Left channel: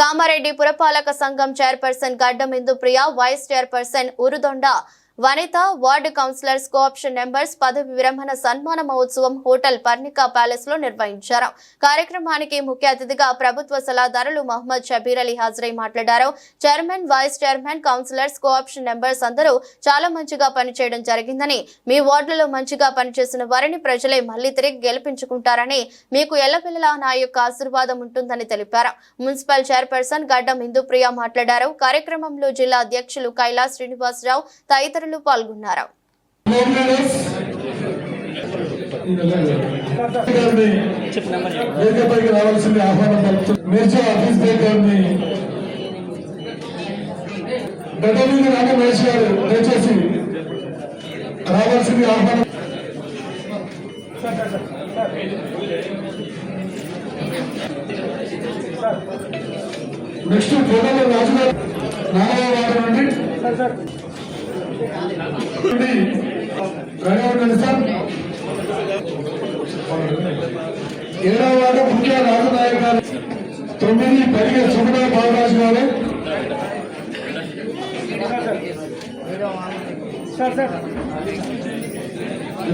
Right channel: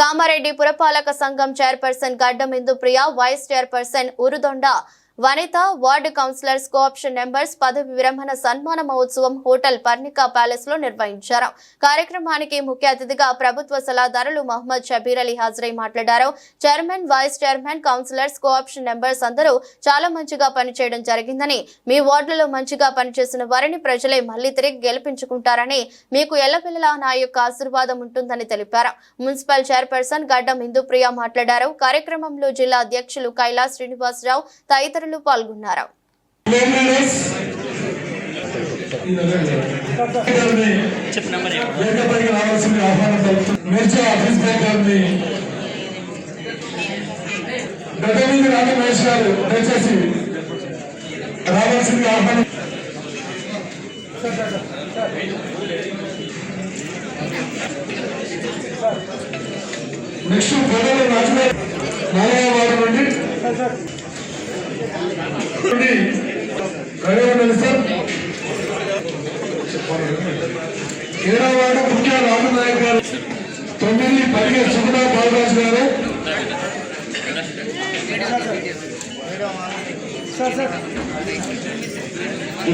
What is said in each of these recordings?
కామారెడ్డి పురపాలక సంఘం చైర్పర్సన్ గడ్డం ఇందుప్రియ, వైస్ చైర్పర్సన్ ఉరుదొండ వనిత, వార్డు కౌన్సిలర్స్ కోఆప్షన్ మెంబర్స్ పదవి విరమణ సన్మాన మహోత్సవం హోటల్ పర్ణికా ప్యాలెస్ లో నిర్వహించారు. కార్యక్రమానికి ముఖ్య అతిథిగా ప్రభుత్వ సలహాదారులు మహమ్మద్ షబీర్ అలీ హాజరై మాట్లాడారు. Chairman, vice chairman, councillors, co-option members అందరూ చాలా మంచిగా పనిచేయడం జరిగిందని, మీ వార్డులో మంచిగా పనిచేసిన వారిని ప్రజలే మళ్లీ తిరిగి గెలిపించుకుంటారని, మీకు ఎల్లవెల్లలా నా యొక్క ఆశీర్వాదం ఉంటుందని తెలిపారు. మున్సిపల్ చైర్పర్సన్ గడ్డం ఇందుప్రియ మాట్లాడారు. కార్యక్రమంలో జిల్లా అధ్యక్షులు కైలాస్ శ్రీనివాసరావు తదితరులు పాల్గొన్నారు. నెక్స్ట్ ఏడవ వార్డు ముఖ్య రాజు నాయక్ గారు, 9 పరిగె సుమనా బాలరాజు గారు,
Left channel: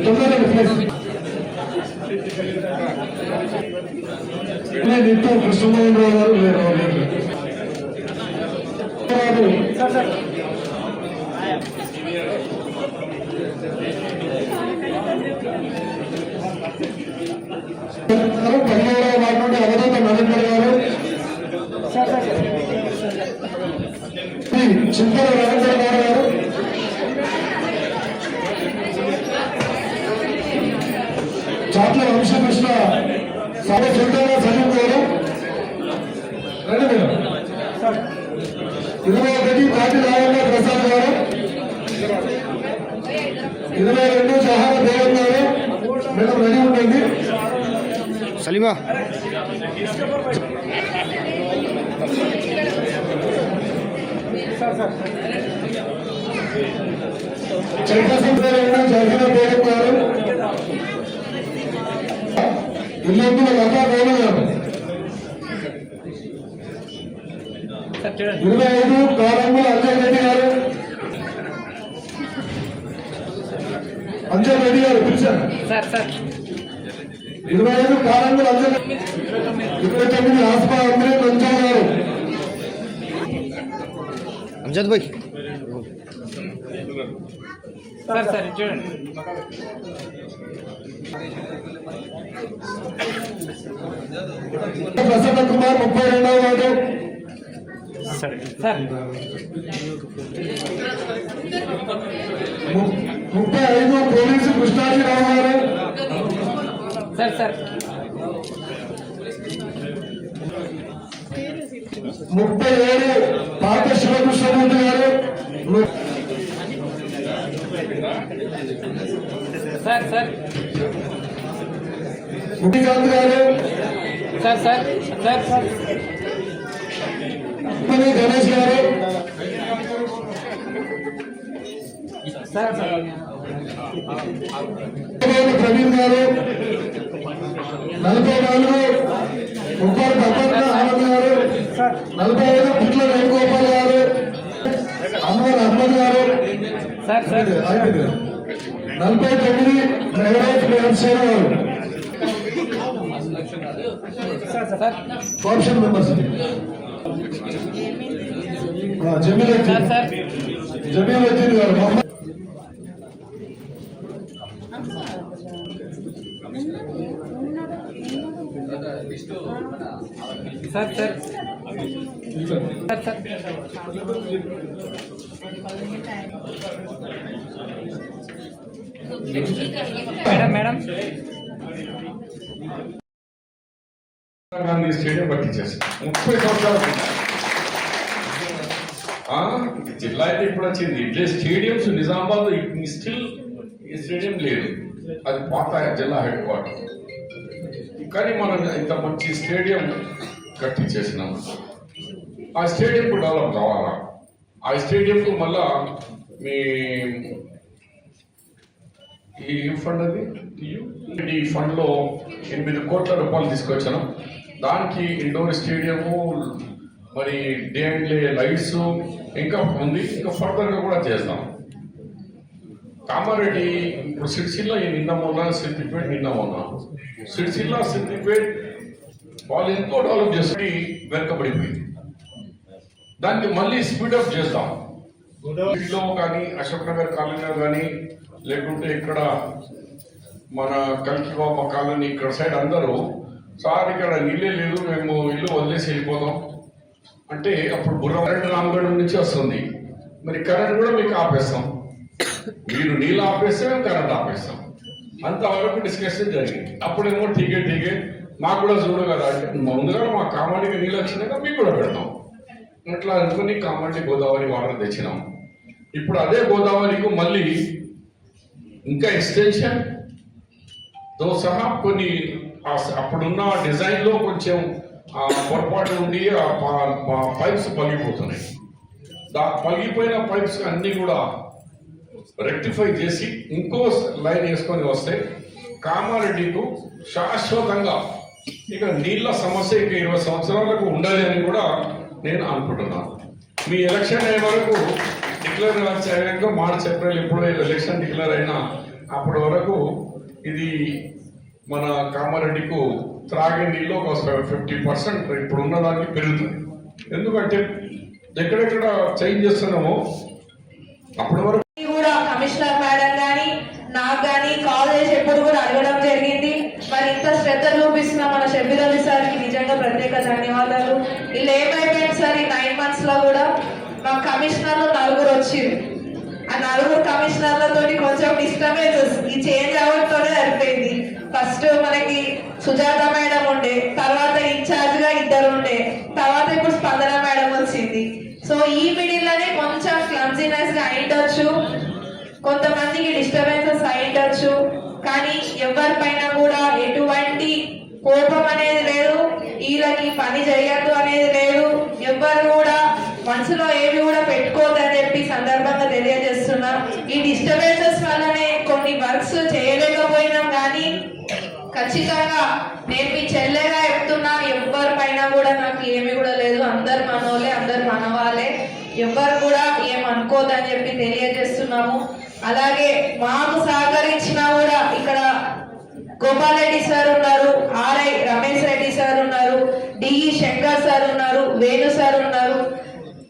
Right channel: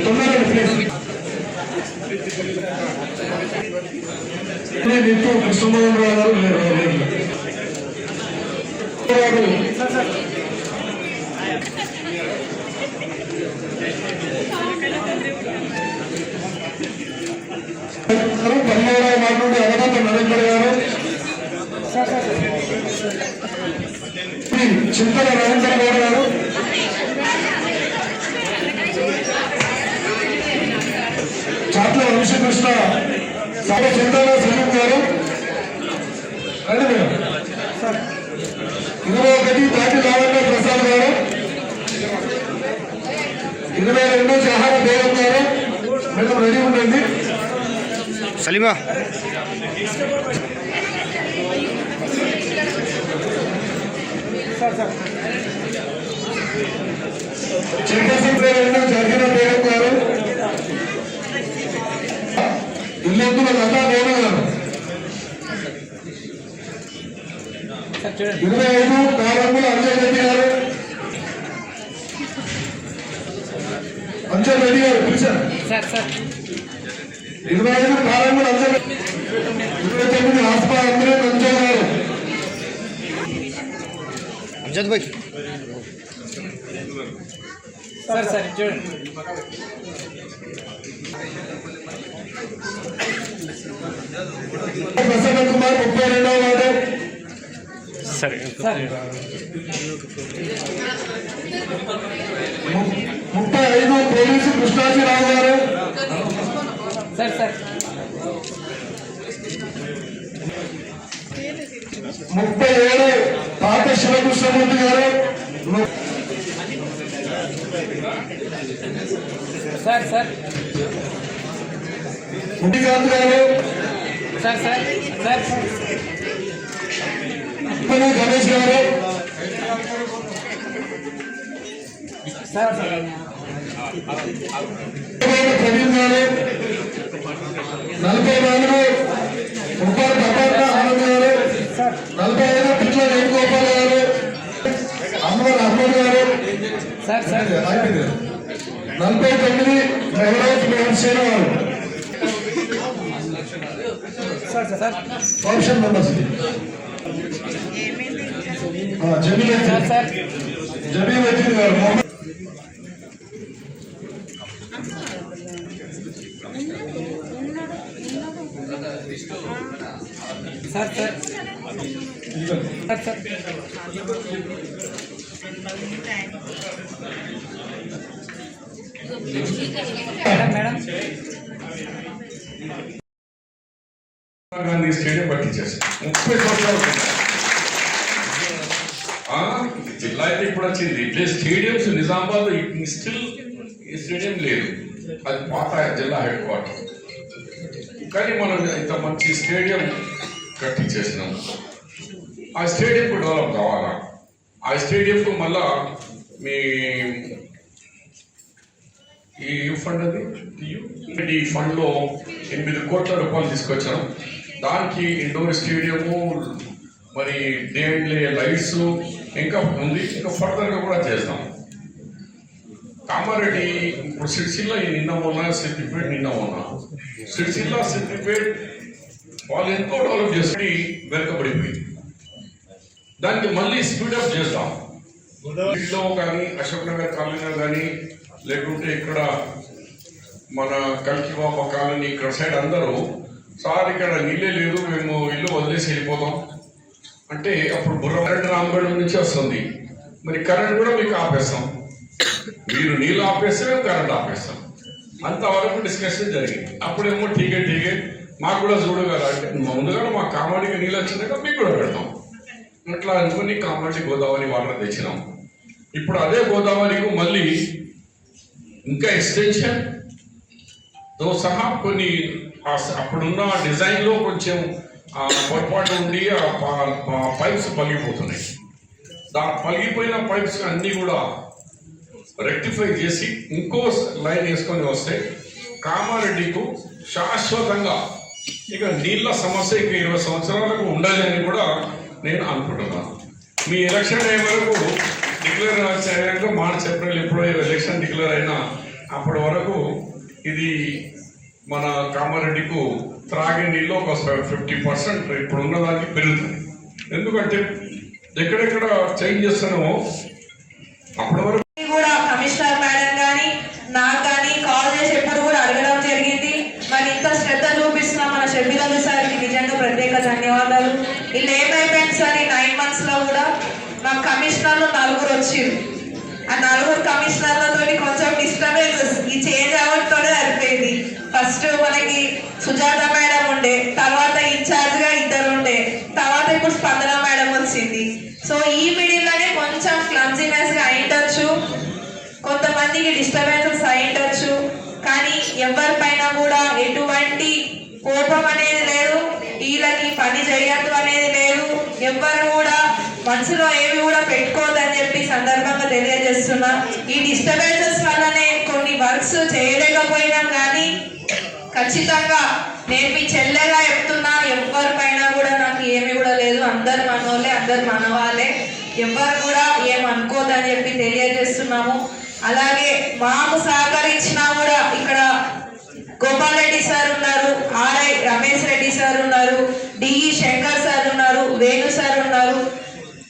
9 నిత్యం కృష్ణమోహన్ రావు గారు, చింతల రవీంద్ర గారు, చాట్ల వంశకృష్ణ, చింతల సమీప్ గారు, 21 పాటి రావణ ప్రసాద్ గారు, 22 జహార దేవన్ గారు. మేడం రెడీ ఉండండి. సలీమా జరిగిన బేగం గారు, ఇల్లందుల లతా బేగం గారు, 25 కారంగుల అంజల్ రెడ్డి గారు, అంజల్ రెడ్డి గారు పిలిచారు. 25 కారంగుల అంజల్, 29 ఆస్మా అందరే అంజల్ గారు, అంజద్ భాయ్ ప్రసన్న కుమార్, 32వ వార్డు, 35 పోలీసు కృష్ణాజీరావు గారు, 37 పాత శివకృష్ణమూర్తి గారు, 30 గారు, గణేష్ గారు, ప్రవీణ్ గారు, 44 ముఖ్యాలు గబ్బర్గా ఆనంద్ గారు, 45 పిట్ల వేణుగోపాల్ గారు, అహ్మద్ గారు, 49 మెహరాజ్ మేహర్షేర్ గారు. కోఆప్షన్ మెంబర్స్ జమీల్ గారు, గాంధీ స్టేడియం పట్టించేసారు. 30 సంవత్సరాలు జిల్లా అయితే ఇప్పుడు వచ్చింది. ఇట్లే స్టేడియంస్ నిజామాబాద్ స్టిల్ స్టేడియం లేదు, అది పాత జిల్లా హెడ్ క్వార్టర్. కానీ మనం ఇంత మంచి స్టేడియం కట్టించేసినాం. ఆ స్టేడియంకు డెవలప్ కావాలా, ఆ స్టేడియంకు మళ్ళా మీ ఈ ఫండ్ అది ఈ ఫండ్లో 8 కోట్ల రూపాయలు తీసుకొచ్చాను. దానికి ఇండోర్ స్టేడియము, మరి డే అండ్ డే లైట్స్ ఇంకా ఉంది, ఇంకా ఫర్దర్గా కూడా చేస్తాం. కామారెడ్డి ఇప్పుడు సిరిసిల్ల నిన్న మొన్న, సిద్దిపేట నిన్న మొన్న, సిరిసిల్ల సిద్దిపేట వాళ్ళు ఎంతో డెవలప్ చేసి వెనకబడిపోయింది. దానికి మళ్ళీ స్పీడప్ చేస్తాం. ఇంట్లో కానీ అశోక్ నగర్ కాలనీలో కానీ లేకుంటే ఇక్కడ మన కంకిబాబా కాలనీ ఇక్కడ సైడ్ అందరూ సార్ ఇక్కడ నీళ్ళే లేదు, మేము ఇల్లు వదిలేసి వెళ్ళిపోతాం అంటే అప్పుడు కరెంట్ రామగఢ నుంచి వస్తుంది, మరి కరెంట్ కూడా మీకు ఆపేస్తాం, మీరు నీళ్ళు ఆపేస్తే మేము కరెంట్ ఆపేస్తాం. అంతవరకు డిస్కషన్ జరిగింది. అప్పుడేమో ఠీకే మాకు కూడా చూడగల అంటే ముందుగా మా కామారెడ్డికి నీళ్ళు వచ్చినాక మీకు కూడా పెడతాం అట్లా అనుకుని కామారెడ్డి గోదావరి వాటర్ తెచ్చినాం. ఇప్పుడు అదే గోదావరికి మళ్ళీ ఇంకా ఎక్స్టెన్షన్ తో సహా కొన్ని అప్పుడున్న డిజైన్లో కొంచెం పొరపాటు ఉండి ఆ పైప్స్ పగిలిపోతున్నాయి. పగిలిపోయిన పైప్స్ అన్నీ కూడా రెక్టిఫై చేసి ఇంకో లైన్ వేసుకొని వస్తే కామారెడ్డికు శాశ్వతంగా ఇక నీళ్ళ సమస్య ఇక 20 సంవత్సరాలకు ఉండాలి అని కూడా నేను అనుకుంటున్నాను. మీ ఎలక్షన్ అయ్యే వరకు డిక్లేర్ అయ్యాక మార్చ్ ఏప్రిల్ ఎప్పుడో ఎలక్షన్ డిక్లేర్ అయినా అప్పటి వరకు ఇది మన కామారెడ్డికు త్రాగే నీళ్ళు ఒక 50% ఇప్పుడు ఉన్నదానికి పెరుగుతుంది. ఎందుకంటే ఎక్కడెక్కడ చేంజ్ చేస్తున్నామో అప్పటి వరకు కూడా కమిషనర్ మేడం కానీ నాకు కానీ కాల్ చేసి ఎప్పుడు కూడా అడగడం జరిగింది. మరి ఇంత శ్రద్ధ చూపిస్తున్న మన షబ్బీర్ అలీ సార్కి నిజంగా ప్రత్యేక ధన్యవాదాలు. ఇలా ఏమైపోయింది సార్ ఈ 9 months లో కూడా మా కమిషనర్లు 4 వచ్చారు. ఆ 4 కమిషనర్లతో కొంచెం డిస్టర్బెన్స్ ఈ చేంజ్ అవ్వడంతోనే సరిపోయింది. ఫస్ట్ మనకి సుజాత మేడం ఉండే, తర్వాత ఇన్ఛార్జ్గా 2 ఉండే, తర్వాత ఇప్పుడు స్పందన మేడం వచ్చింది. సో ఈ మిడిల్లోనే కొంచెం క్లమ్జీనెస్గా అయిండొచ్చు, కొంతమందికి డిస్టర్బెన్సెస్ అయిండొచ్చు, కానీ ఎవరిపైన కూడా ఎటువంటి కోపం అనేది లేదు, వీళ్ళకి పని చేయొద్దు అనేది లేదు, ఎవ్వరు కూడా మనసులో ఏమి కూడా పెట్టుకోవద్దని చెప్పి సందర్భంగా తెలియజేస్తున్నా. ఈ డిస్టర్బెన్సెస్ వల్లనే కొన్ని వర్క్స్ చేయలేకపోయినాం, కానీ ఖచ్చితంగా నేను మీ చెల్లెగా చెప్తున్నా, ఎవరిపైన కూడా నాకు ఏమి కూడా లేదు, అందరు మనోళ్ళే, అందరు మనవాళ్ళే, ఎవరు కూడా ఏమనుకోదని చెప్పి తెలియజేస్తున్నాము. అలాగే మాకు సహకరించినా కూడా ఇక్కడ గోపాల్ రెడ్డి సార్ ఉన్నారు, ఆర్ఐ రమేష్ రెడ్డి సార్ ఉన్నారు, డిఈ శంకర్ సార్ ఉన్నారు, వేణు సార్ ఉన్నారు,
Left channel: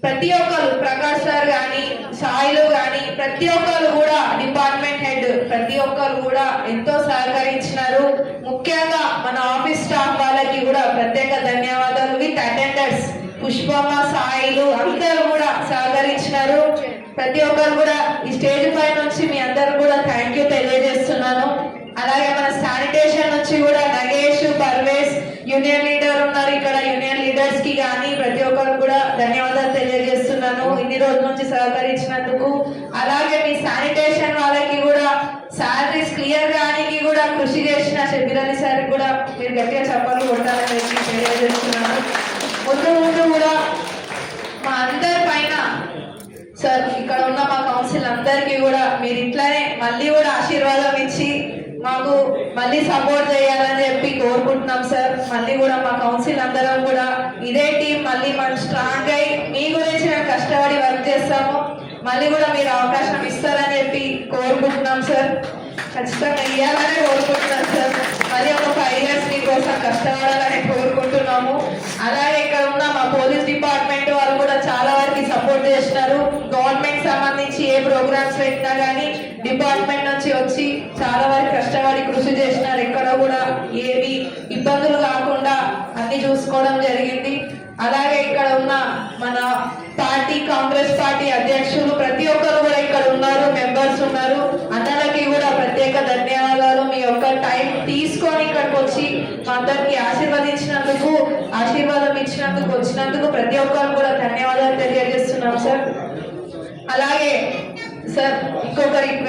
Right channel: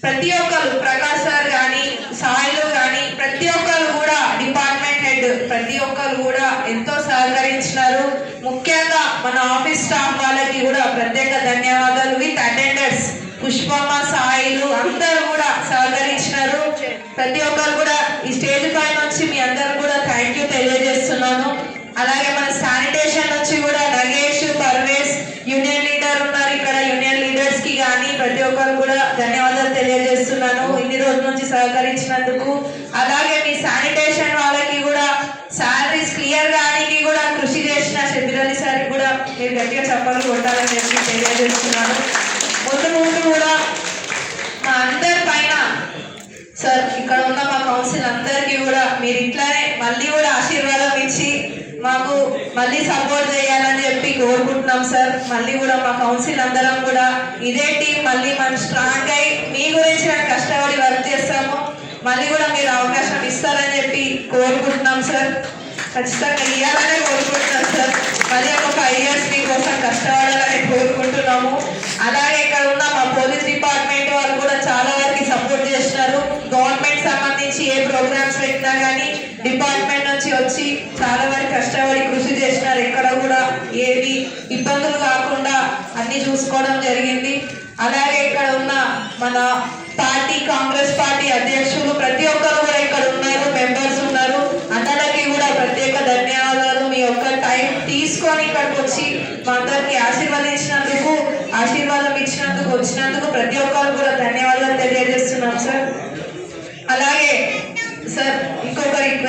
ప్రతి ఒక్కరు ప్రకాష్ సార్ కానీ సాయిలు కానీ ప్రతి ఒక్కరు కూడా డిపార్ట్మెంట్ హెడ్ ప్రతి ఒక్కరు కూడా ఎంతో సహకరించినారు. ముఖ్యంగా మన ఆఫీస్ స్టాఫ్ వాళ్ళకి కూడా ప్రత్యేక ధన్యవాదాలు. విత్ అటెండర్స్ పుష్పమ్మ సాయిలు అందరూ కూడా సహకరించినారు. ప్రతి ఒక్కరు కూడా ఈ స్టేజ్ పై నుంచి మీ అందరు కూడా థ్యాంక్ యూ తెలియజేస్తున్నాను. అలాగే మన శానిటేషన్ నుంచి కూడా నగేష్, పర్వేజ్ యూనియన్ లీడర్ ఉన్నారు ఇక్కడ, యూనియన్ లీడర్స్ కి కానీ ప్రతి ఒక్కరు కూడా ధన్యవాదాలు తెలియజేస్తున్నాను ఇన్ని రోజుల నుంచి సహకరించినందుకు. అలాగే మీ శానిటేషన్ వాళ్ళకి కూడా శాలరీస్ క్లియర్ గానికి కూడా కృషి చేసిన షబ్బీర్ అలీ సార్ కూడా మీరు గట్టిగా చెప్పాలి కొట్టాలని చెప్పి తెలియజేస్తున్నాను. ముందు కూడా మా అందరి పైన సార్ ఇక్కడ ఉన్న మా కౌన్సిల్ అందరికీ కూడా మీరు ఇట్లానే మళ్ళీ కూడా ఆశీర్వాదం ఇచ్చి మాకు మళ్ళీ సపోర్ట్ చేయాలని చెప్పి కోరుకుంటున్నాం సార్. మళ్ళీ కూడా మా కౌన్సిల్ అందరం కూడా ఇదే టీం మళ్ళీ మనం స్ట్రాంగ్ అయ్యి మీ గురించి మేము కష్టపడి వర్క్ చేస్తాము. మళ్ళీ కూడా మీరు అవకాశం ఇస్తారని చెప్పి కోరుకుంటున్నాం సార్. ఖచ్చితంగా ఇవ్వాలని కోరుకుంటున్నాం సార్. మళ్ళీ ఒక 5 years మీకోసం కష్టపడాలని కోరుకుంటున్నాము. అలాగే ఇక్కడ ఉన్న మా పోలీస్ డిపార్ట్మెంట్ వాళ్ళు కూడా చాలా వరకు సపోర్ట్ చేస్తున్నారు. గవర్నమెంట్ సంబంధించి ఏ ప్రోగ్రామ్స్ పెట్టినా కానీ డిపార్ట్మెంట్ నుంచి వచ్చి చాలా వరకు కష్టపడి కృషి చేసినారు. ఎక్కడ కూడా ఏది ఇబ్బందులు కాకుండా అన్ని చూసుకోవడం జరిగింది. అలాగే ఇక్కడ ఉన్న మన పార్టీ కాంగ్రెస్ పార్టీ అధ్యక్షులు ప్రతి ఒక్కరు కూడా ఇక్కడ ఉన్నారు, మెంబర్స్ ఉన్నారు, అందరికీ కూడా ప్రత్యేక ధన్యవాదాలు. మీ యొక్క టైం తీసుకొని ఇక్కడికి వచ్చి మా అందరికి ఆశీర్వాదం ఇచ్చినందుకు వచ్చినందుకు ప్రతి ఒక్కరు కూడా ధన్యవాదాలు తెలియజేస్తున్నాం సార్. అలాగే సార్ ఇంకొక రిక్వెస్ట్